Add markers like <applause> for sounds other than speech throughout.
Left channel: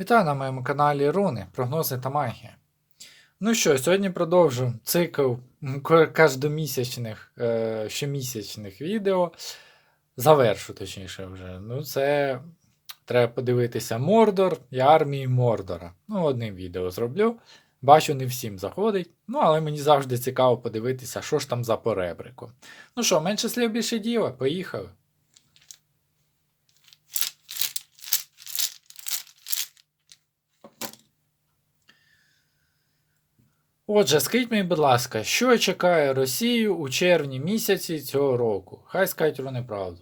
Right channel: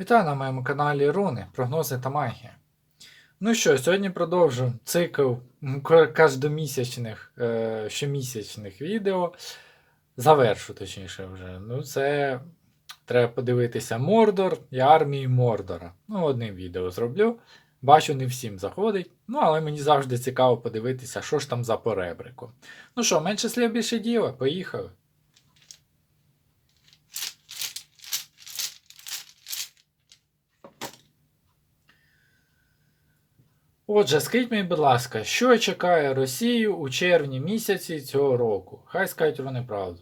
Вітаю на моєму каналі Руни, прогнози та магія. Ну що, сьогодні продовжу цикл м, ко- кожномісячних, е, щомісячних відео. Завершу, точніше, вже. Ну, це треба подивитися Мордор і армії Мордора. Ну, одним відео зроблю. Бачу, не всім заходить. Ну, але мені завжди цікаво подивитися, що ж там за поребрику. Ну що, менше слів більше діла, поїхали. Отже, скажіть мені, будь ласка, що чекає Росію у червні місяці цього року? Хай скажуть вони правду.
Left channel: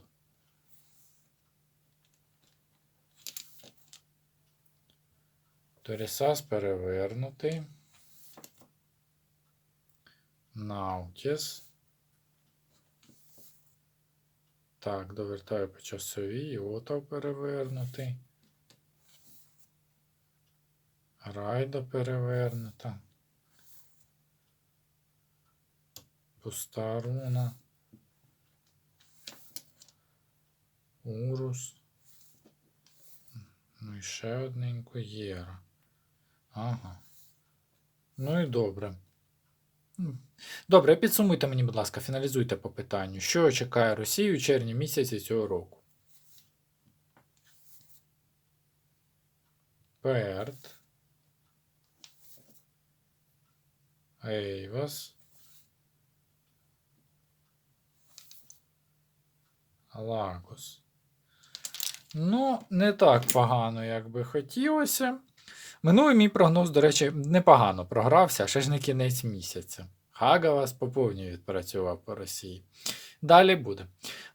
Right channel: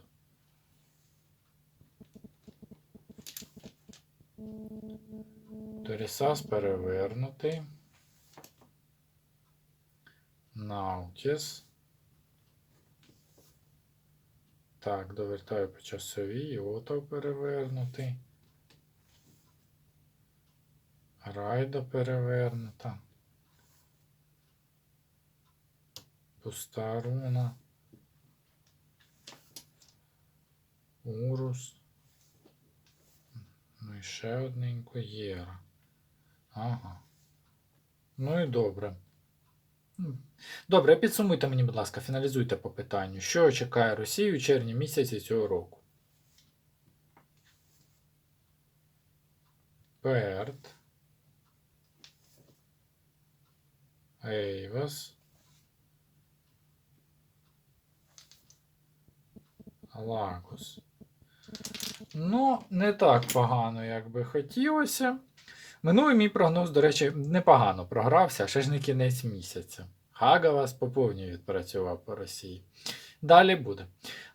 Торісас перевернутий. Наутіс. Так, довертаю по часовій. Отов перевернутий. Райда перевернута. Пуста. Урус. Ну і ще одненько Єра. Ага. Ну і добре. Добре, підсумуйте мені, будь ласка, фіналізуйте по питанню. Що чекає Росію у червні місяці цього року? Перт. Ейвас. Лагос. Ну, не так погано, як би хотілося. Минулий мій прогноз, до речі, непогано програвся, ще ж не кінець місяця. Хагавас поповнює відпрацював по Росії. Далі буде.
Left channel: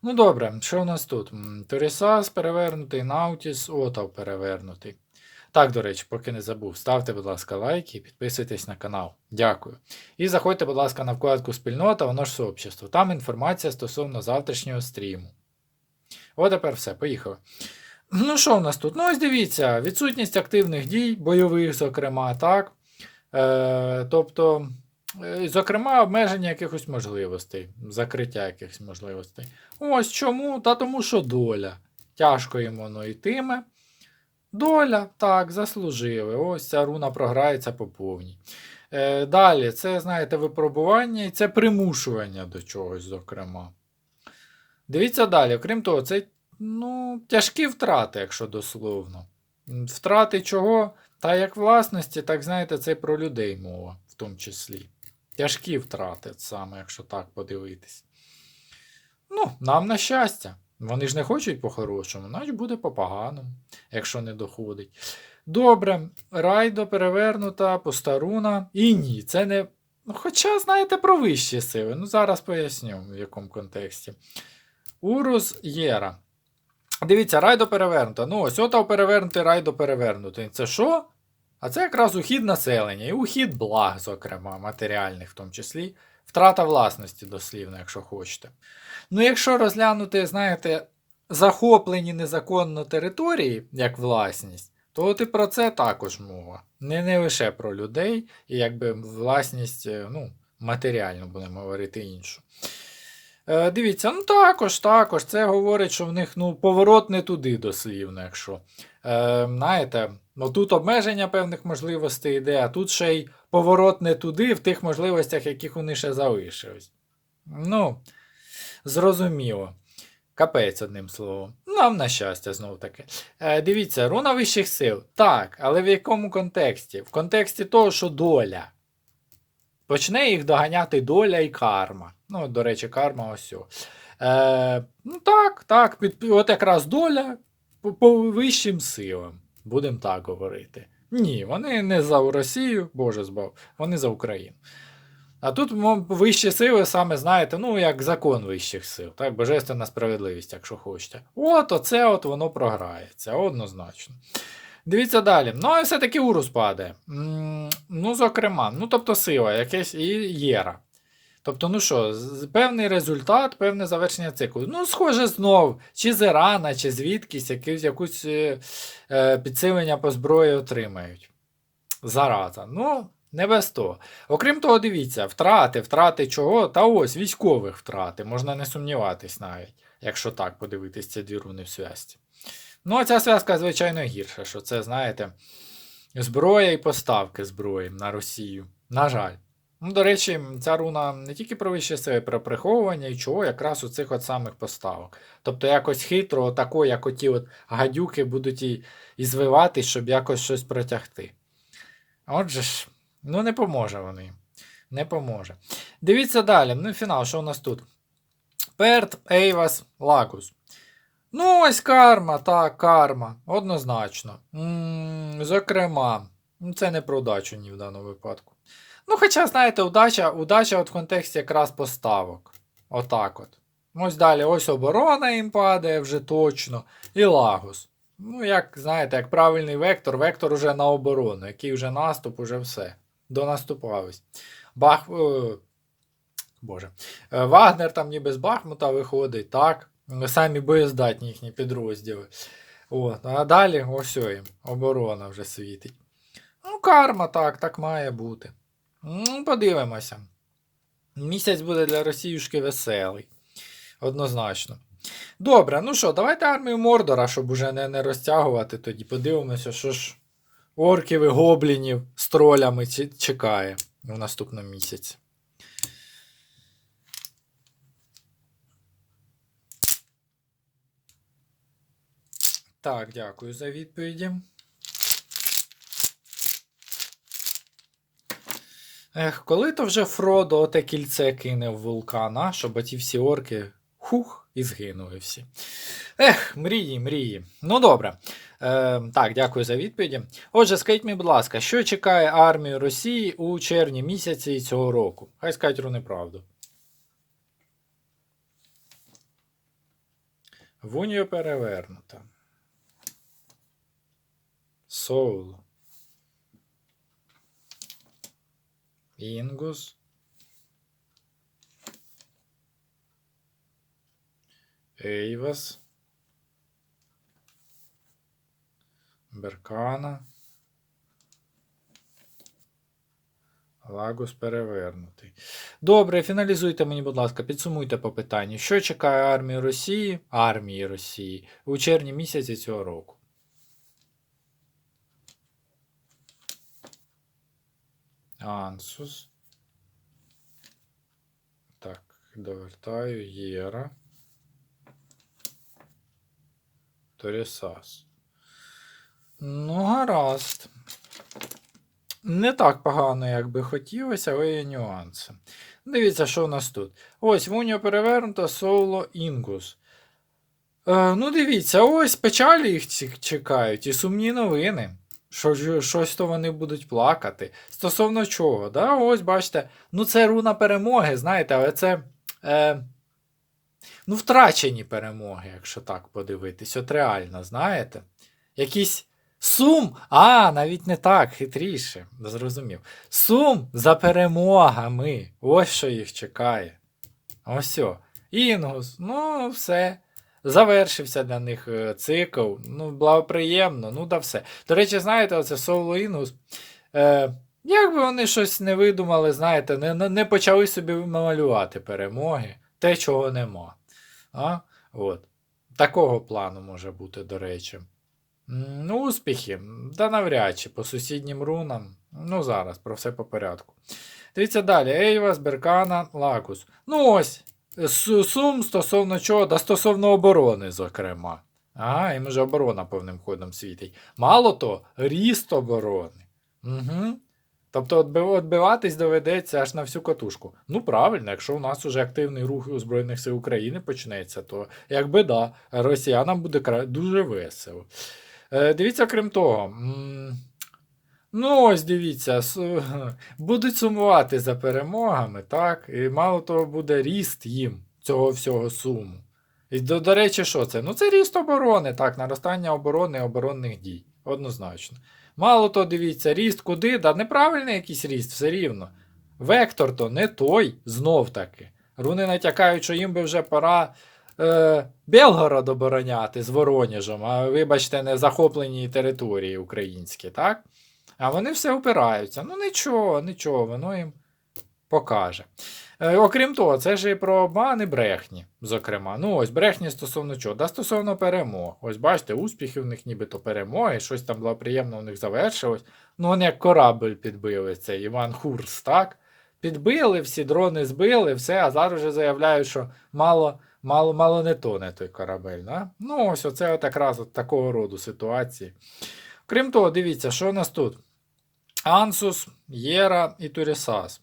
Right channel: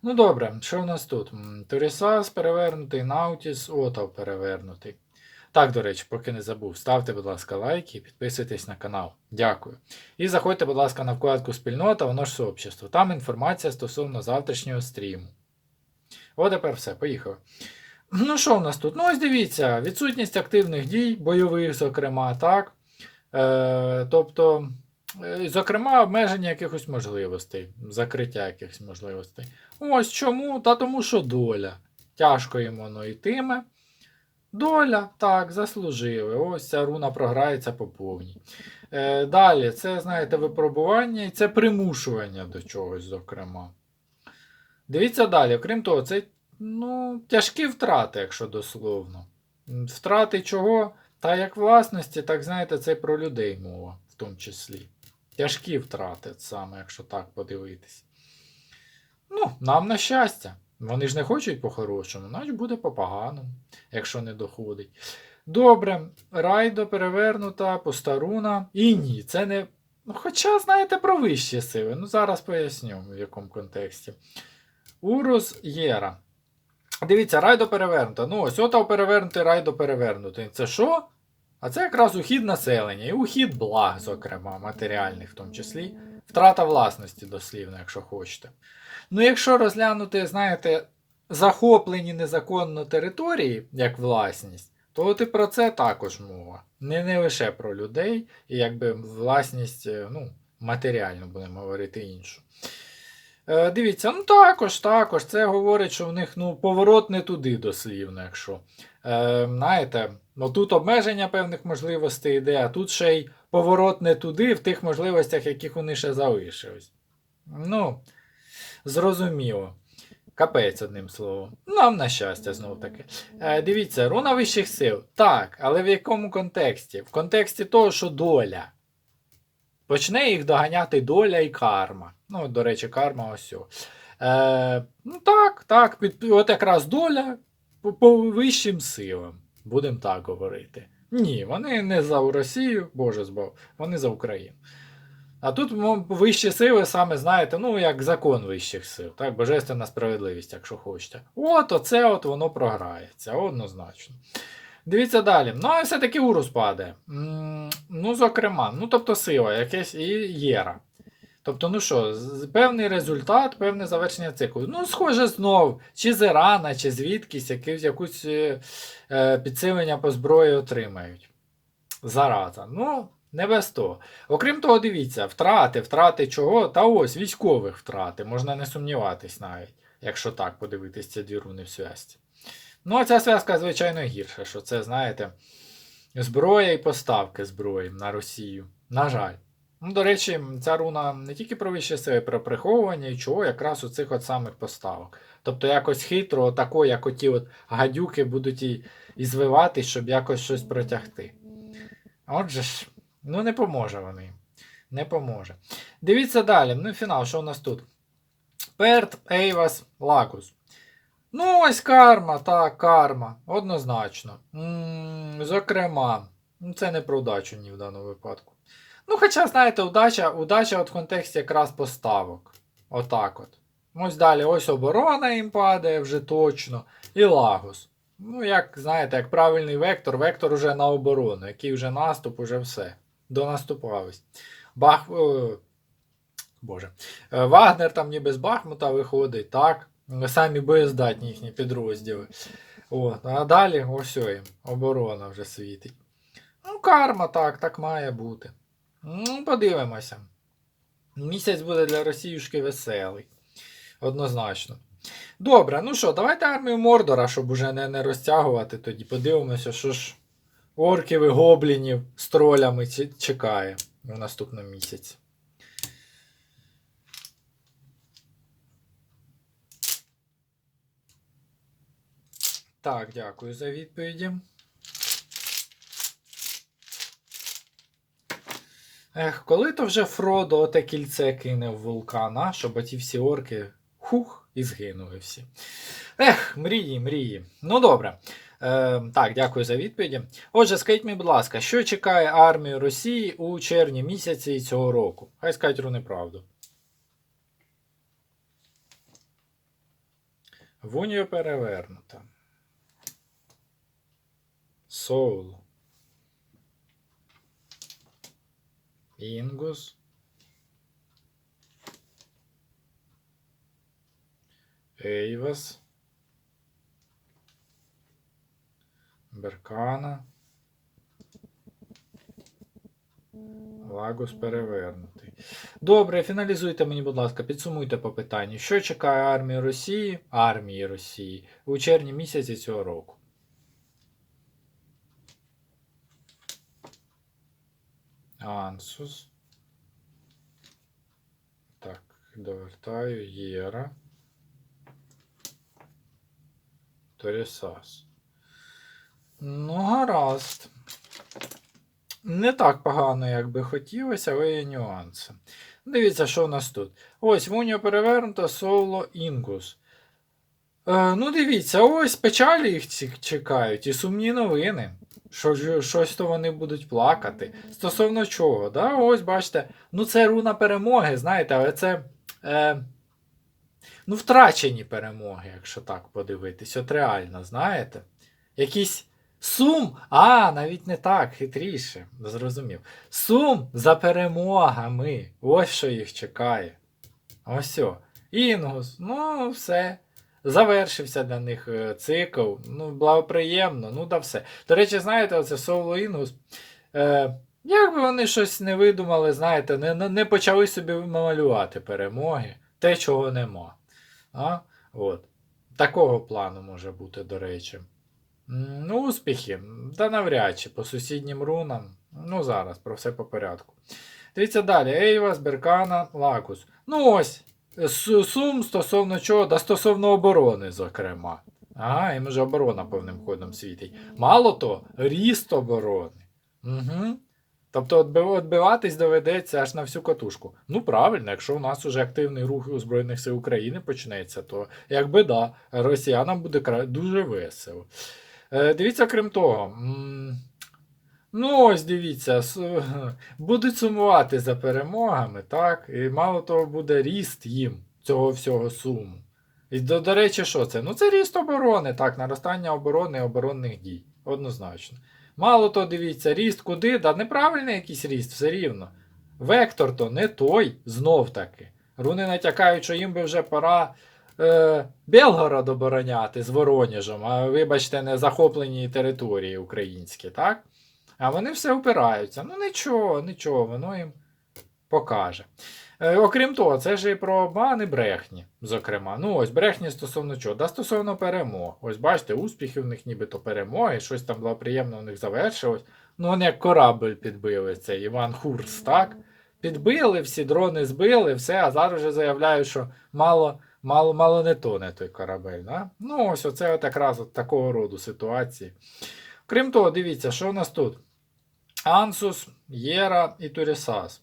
Ну добре, що у нас тут? Торісас перевернутий, Наутіс, Отав перевернутий. Так, до речі, поки не забув, ставте, будь ласка, лайки і підписуйтесь на канал. Дякую. І заходьте, будь ласка, на вкладку Спільнота, воно ж сообщество. Там інформація стосовно завтрашнього стріму. О, тепер все, поїхали. Ну, що у нас тут? Ну, ось дивіться, відсутність активних дій, бойових, зокрема, так. Е, тобто, е, зокрема, обмеження якихось можливостей, закриття якихось можливостей. Ось чому? Та тому, що доля. Тяжко їм воно йтиме. Доля, так, заслужили. Ось ця руна програється по повній. Е, далі, це, знаєте, випробування і це примушування до чогось, зокрема. Дивіться далі, окрім того, це ну, тяжкі втрати, якщо дословно. Втрати чого? Та як власності, так знаєте, це про людей мова, в тому числі. Тяжкі втрати, саме, якщо так подивитись. Ну, нам на щастя. Вони ж не хочуть по-хорошому, значить буде по-поганому, якщо не доходить. Добре, райдо перевернута, постаруна. І ні, це не. Ну, Хоча, знаєте, про вищі сили. Ну, зараз поясню, в якому контексті. Урус Єра. Дивіться, райдо перевернуто. Ну, ось отав перевернутий, райдо перевернутий. Це що? А це якраз ухід населення і ухід благ, зокрема, матеріальних в тому числі. Втрата власності, дослівно, якщо хочете. Ну, якщо розглянути, знаєте, захоплені незаконно території як власність, то от і про це також мова. Не, не лише про людей, і якби власність, е, ну, матеріально будемо говорити іншу. Е, дивіться, ну також, також. Це говорить, що в них ну, поворот не туди дослівно, якщо. Е, знаєте, ну, тут обмеження певних можливостей йде, а тут ще й поворот не туди, в тих можливостях, яких вони ще залишились. Ну, зрозуміло. Капець, одним словом. Нам на щастя, знов таки. Е, дивіться, руна вищих сил. Так, але в якому контексті? В контексті того, що доля. Почне їх доганяти доля і карма. Ну, до речі, карма ось. Е, ну так, так, під, от якраз доля по, по вищим силам. Будемо так говорити. Ні, вони не за Росію, Боже збав, вони за Україну. А тут вищі сили, саме знаєте, ну як закон вищих сил, так, божественна справедливість, якщо хочете. От оце от воно програється, однозначно. Дивіться далі. Ну, і все-таки урус падає. Ну, зокрема, ну, тобто сила, якесь і єра. Тобто, ну що, певний результат, певне завершення циклу. Ну, схоже, знов, чи з Ірана, чи звідкись, якусь, якусь е, е, підсилення по зброї отримають. Зараза. Ну, не без того. Окрім того, дивіться, втрати, втрати чого? Та ось військових втрати, можна не сумніватись навіть, якщо так подивитись ці дві руни в зв'язці. Ну, а ця зв'язка, звичайно, гірша, що це, знаєте, зброя і поставки зброї на Росію. На жаль. Ну, до речі, ця руна не тільки про вищі сили, про приховування і чого, якраз у цих от самих поставок. Тобто якось хитро, отако, як оті от гадюки будуть і, і щоб якось щось протягти. Отже ж, ну не поможе вони. Не поможе. Дивіться далі. Ну, фінал, що у нас тут? Перт, Ейвас, Лагус. Ну, ось карма, так, карма. Однозначно. м зокрема, ну, це не про удачу ні в даному випадку. Ну, хоча, знаєте, удача, удача от в контексті якраз поставок. Отак от. Ось далі, ось оборона їм падає вже точно. І Лагус. Ну, як знаєте, як правильний вектор, вектор уже на оборону, який вже наступ, уже все. Донаступались. Бах. Е, Боже. Е, Вагнер там ніби з Бахмута виходить, так. Самі боєздатні їхні підрозділи. От, а далі ось їм. Оборона вже світить. Ну, карма, так, так має бути. Ну, подивимося. Місяць буде для Росіюшки веселий. Однозначно. Добре, ну що, давайте армію Мордора, щоб уже не, не розтягувати тоді. Подивимося, що ж орків і гоблінів з тролями чекає в наступному місяці. Так, дякую за відповіді. Ех, коли то вже Фродо оте кільце кине в вулкана, щоб оті всі орки хух і згинули всі. Ех, мрії, мрії. Ну добре. Е, так, дякую за відповіді. Отже, скажіть мені, будь ласка, що чекає армію Росії у червні місяці цього року? Хай скажуть руни правду. Вуньо перевернута. Соул. Інгус. Ейвас. Беркана. Лагус перевернутий. Добре, фіналізуйте мені, будь ласка, підсумуйте по питанню. Що чекає армію Росії, армії Росії у червні місяці цього року? Ансус. Так, довертаю Єра. Торісас. Ну, гаразд. Не так погано, як би хотілося, але є нюанси. Дивіться, що у нас тут. Ось Вуня перевернуто, соло Інгус. Е, ну, дивіться, ось печалі їх чекають і сумні новини. Що, щось то вони будуть плакати. Стосовно чого, да? ось бачите, ну це руна перемоги, знаєте, але це. Е, ну, втрачені перемоги, якщо так подивитись. От реально, знаєте? Якийсь сум. А, навіть не так, хитріше, зрозумів. Сум за перемогами. Ось що їх чекає. Ось. Інгус, ну, все. Завершився для них е, цикл. Ну, благоприємно, ну да все. До речі, знаєте, оце соло Інгус. Е, якби вони щось не видумали, знаєте, не, не, почали собі малювати перемоги, те, чого нема. А? От. Такого плану може бути, до речі. Ну, успіхи. Та навряд чи по сусіднім рунам. Ну, зараз, про все по порядку. Дивіться далі. Ейвас, Беркана, Лакус. Ну ось. Су- Сум стосовно чого? Да стосовно оборони, зокрема. Ага, їм вже оборона повним ходом світить. Мало то, ріст оборони. Угу. Тобто відбиватись доведеться аж на всю катушку. Ну, правильно, якщо у нас уже активний рух у Збройних сил України почнеться, то якби да, росіянам буде дуже весело. Е, дивіться, крім того. Ну, ось дивіться, <laughs> будуть сумувати за перемогами, так? І мало того, буде ріст їм цього всього суму. І до, до речі, що це? Ну, це ріст оборони, так, наростання оборони і оборонних дій. Однозначно. Мало того, дивіться, ріст куди? Да неправильний якийсь ріст, все рівно. Вектор то не той, знов таки. Руни натякають, що їм би вже пора е, Белгород обороняти з Воронежем, а вибачте, не захоплені території українські, так? А вони все опираються. Ну нічого, нічого, воно їм покаже. Е, окрім того, це ж і про обмани брехні, зокрема. Ну, ось брехні стосовно чого? Да стосовно перемог. Ось бачите, успіхи в них нібито перемоги, щось там благоприємно в них завершилось. Ну, вони як корабль підбили, цей Іван Хурс, так? Підбили, всі дрони збили, все, а зараз вже заявляють, що мало, мало, мало не тоне той корабель. Да? Ну, ось оце от якраз от такого роду ситуації. Крім того, дивіться, що у нас тут? Ансус, Єра і Турісас.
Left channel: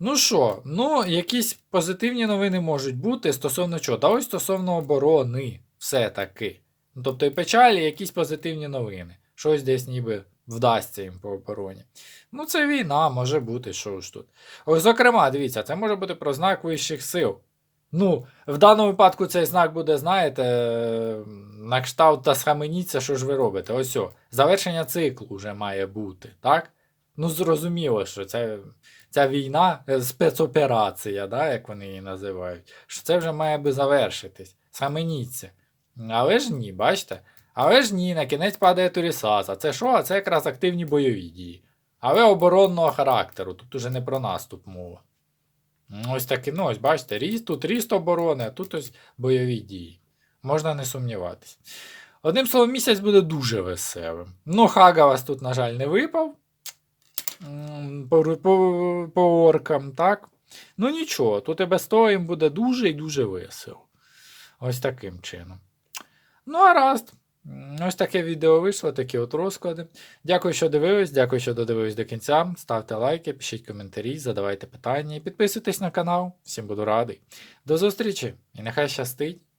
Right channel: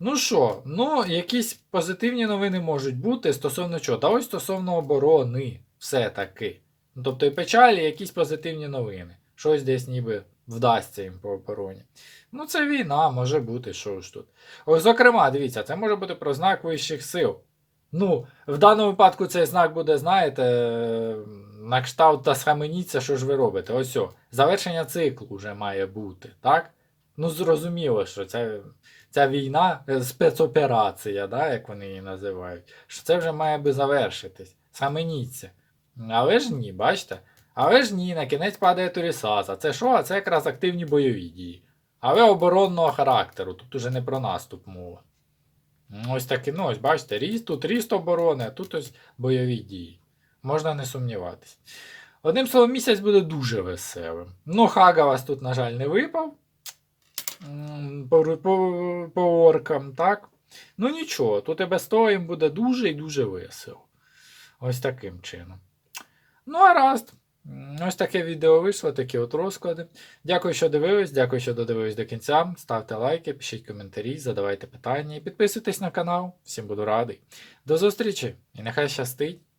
Ну що, ну, якісь позитивні новини можуть бути стосовно чого? Та ось стосовно оборони, все-таки. Ну, тобто і печалі, якісь позитивні новини. Щось десь ніби вдасться їм по обороні. Ну, це війна, може бути, що ж тут. Ось, зокрема, дивіться, це може бути про знак вищих сил. Ну, в даному випадку цей знак буде, знаєте, на кшталт та схаменіться, що ж ви робите. Ось о, завершення циклу вже має бути, так? Ну, зрозуміло, що це, ця війна, е, спецоперація, да, як вони її називають, що це вже має би завершитись. Схаменіться. Але ж ні, бачите? Але ж ні, на кінець падає Турісаса. Це що? А це якраз активні бойові дії. Але оборонного характеру, тут уже не про наступ мова. Ось таки, ну ось бачите, ріст, тут ріст оборони, а тут ось бойові дії. Можна не сумніватися. Одним словом, місяць буде дуже веселим. Ну, Хага вас тут, на жаль, не випав. По, по, по оркам, так? Ну нічого, тут і без того їм буде дуже і дуже весело. Ось таким чином. Ну, а раз. Ось таке відео вийшло, такі от розклади. Дякую, що дивились, дякую, що додивились до кінця. Ставте лайки, пишіть коментарі, задавайте питання і підписуйтесь на канал. Всім буду радий. До зустрічі і нехай щастить!